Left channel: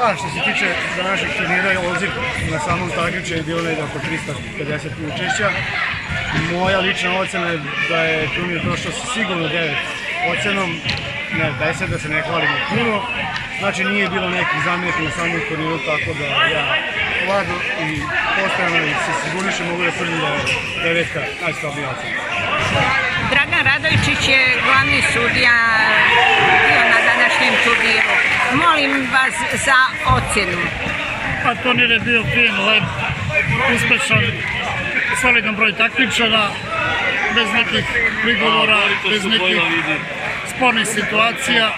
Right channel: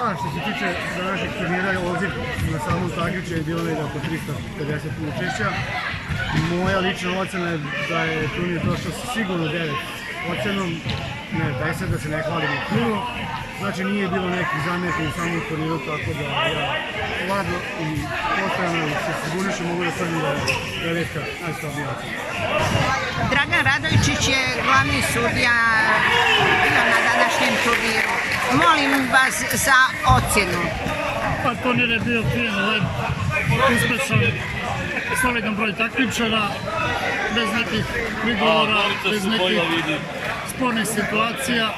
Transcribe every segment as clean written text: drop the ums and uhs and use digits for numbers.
Pa, što se tiče današnjeg turnira, odziv na samom takmičenju je bilo negdje oko 350 učešća. Moja lična ocena je da je turnir prošao sigurno 9 ocenom, ne 10, da se ne hvalimo puno. Znači nije bilo nekih zamjerki na samom turniru, tako da ja ovako i postojano se sigurniše mogu da tvrdim da je devetka najslabija ocena. Dragan Radojičić je glavni sudija bio na današnjem turniru. Molim vas za ocjenu. Pa turnir je bio fin, lep, uspešan, solidan broj takmičara, bez nekih prigovora, bez nekih spornih situacija.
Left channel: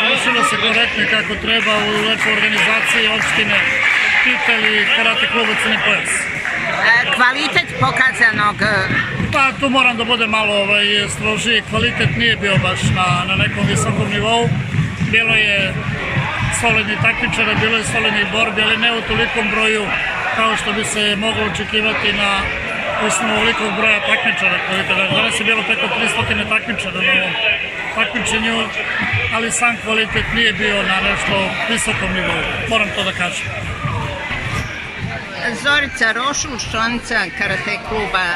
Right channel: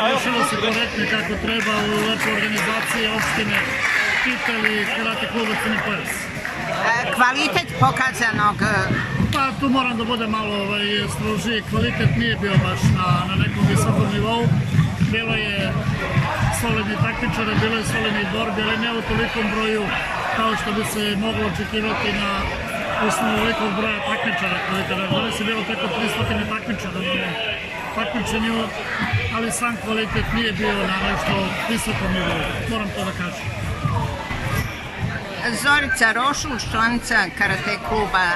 Završilo se korektno kako treba u lepoj organizaciji opštine Titel i Karate kluba Crni pojas. Kvalitet pokazanog? Pa tu moram da bude malo strožiji. Kvalitet nije bio baš na nekom visokom nivou. Bilo je solidnih takmičara, bilo je solidnih borbi, ali ne u tolikom broju kao što bi se moglo očekivati na osnovu ovolikog broja takmičara. Danas je bilo preko 300 takmičara na ovom takmičenju, ali sam kvalitet nije bio na nešto visokom nivou, moram to da kažem. Zorica Rošul, članica Karate kluba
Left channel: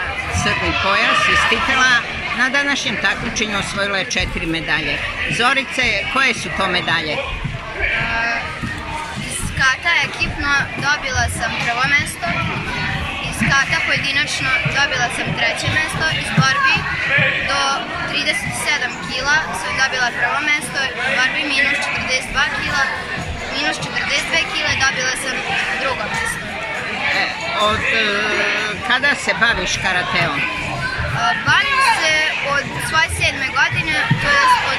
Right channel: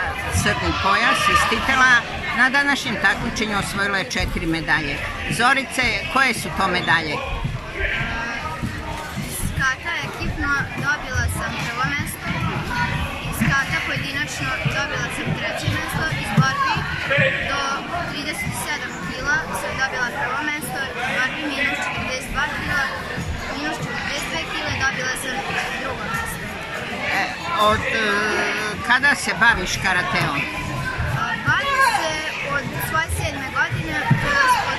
Crni pojas iz Titela, na današnjem takmičenju osvojila je 4 medalje. Zorice, koje su to medalje? Iz kata ekipno dobila sam prvo mesto, iz kata pojedinačno dobila sam 3. mesto, iz borbi do 37 kila sam dobila prvo mesto, iz borbi minus 42 kila, minus 42 kile dobila sam drugo mesto. Od kada se baviš karateom? Bavim se od svoje 7. godine, to je od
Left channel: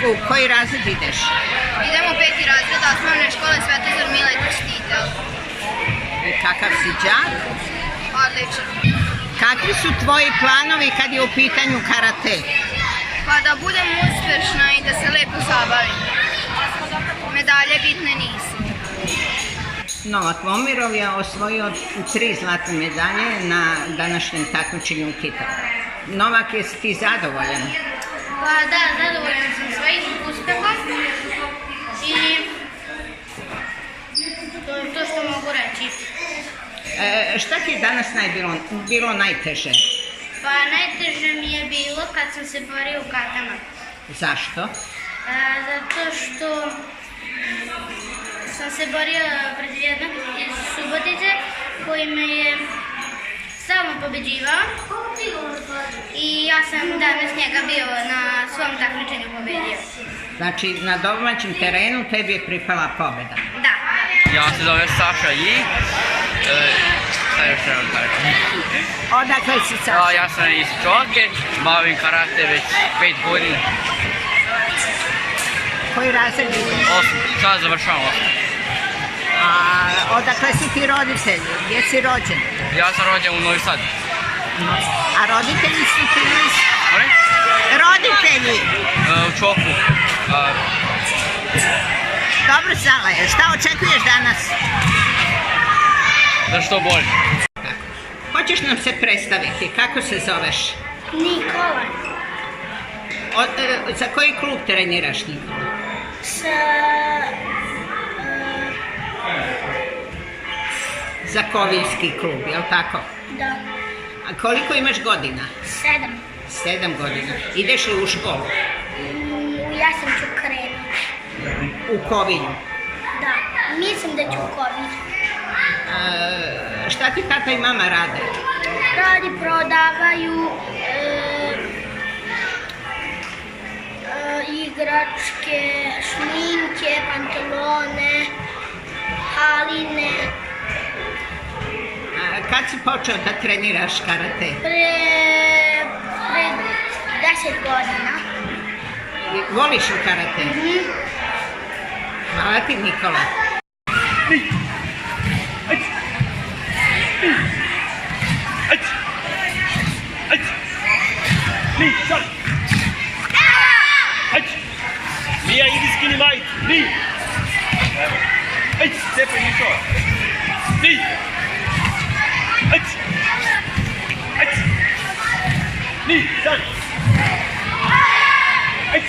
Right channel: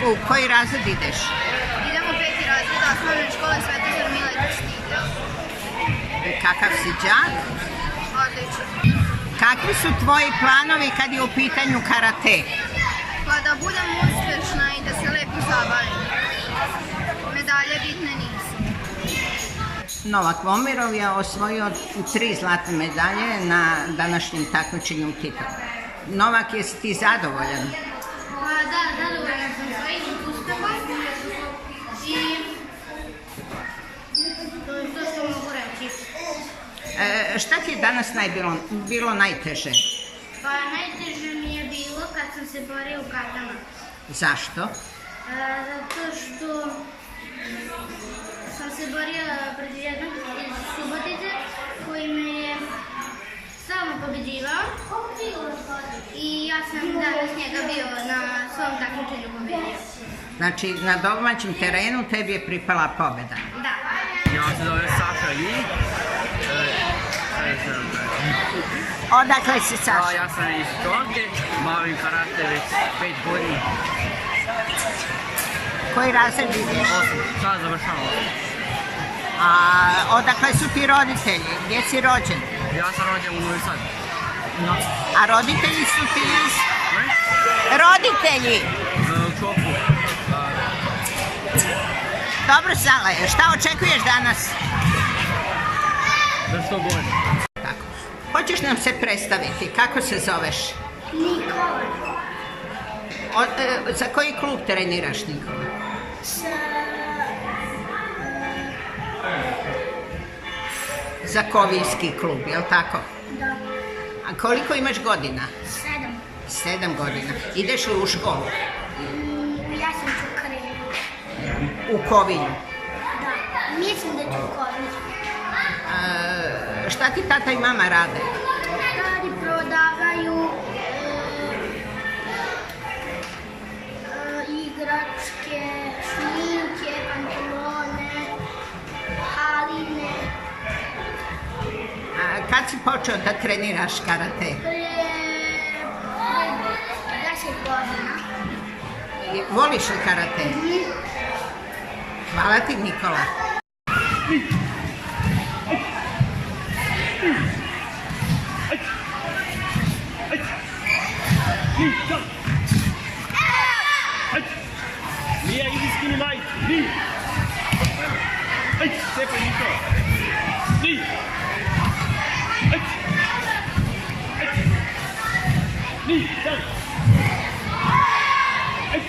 2014. U koji razred ideš? Idem u 5. razred osnovne škole Svetozar Miletić Titel. I kakav si đak? Odličan. Kakvi su tvoji planovi kad je u pitanju karate? Pa da budem uspešna i da se lepo zabavim. Medalje bitne nisu. Novak Momirov je osvojio 3 zlatne medalje na današnjem takmičenju u Titelu. Novak, jesi ti zadovoljan? Pa da, zadovoljan sam svojim uspehom i to je to što mogu reći. Šta ti je danas bilo najteže? Pa najteže mi je bilo kad sam se borio u katama. Zašto? Zato što sam se borila protiv jednog iz Subotice koji me je stalno pobeđivao i ja sam danas njega bio na svom takmičenju pobedio. Znači na domaćem terenu tebi je pripala pobjeda? Da. Ja se zovem Saša I. Šta još trebam kažem? Odakle si, Saša? Ja sam iz Čonke, bavim karate već 5 godina. Koji razred ideš? 8, sad završavam 8. A odakle su ti roditelji? Gdje si rođen? Ja sam rođen u Novi Sad. A roditelji su ti iz? Molim? Roditelji! U Čoku. Dobro, Sale, šta očekuješ danas? Da što bolje. Tako. Hoćeš nam se predstaviti? Kako se zoveš? Nikola. Za koji klub treniraš, Nikola? Za Kovijski klub, jel tako? Da. A koliko imaš godina? 7. 7 godina. Ideš li u školu? U jesen ću krenuti. U Kovilju? Da, mislim da ću u Kovilju. Šta ti tata i mama rade? Prodavaju igračke, šminke, pantalone, haline. Kad si počeo da treniraš karate? Pre 10 godina. Voliš li karate? Hvala ti, Nikola. Mija, idi skini majicu. Ni. Ajde, cepaj Nikola. Ni. Ajde. Ajde. Ni, sad. Ajde.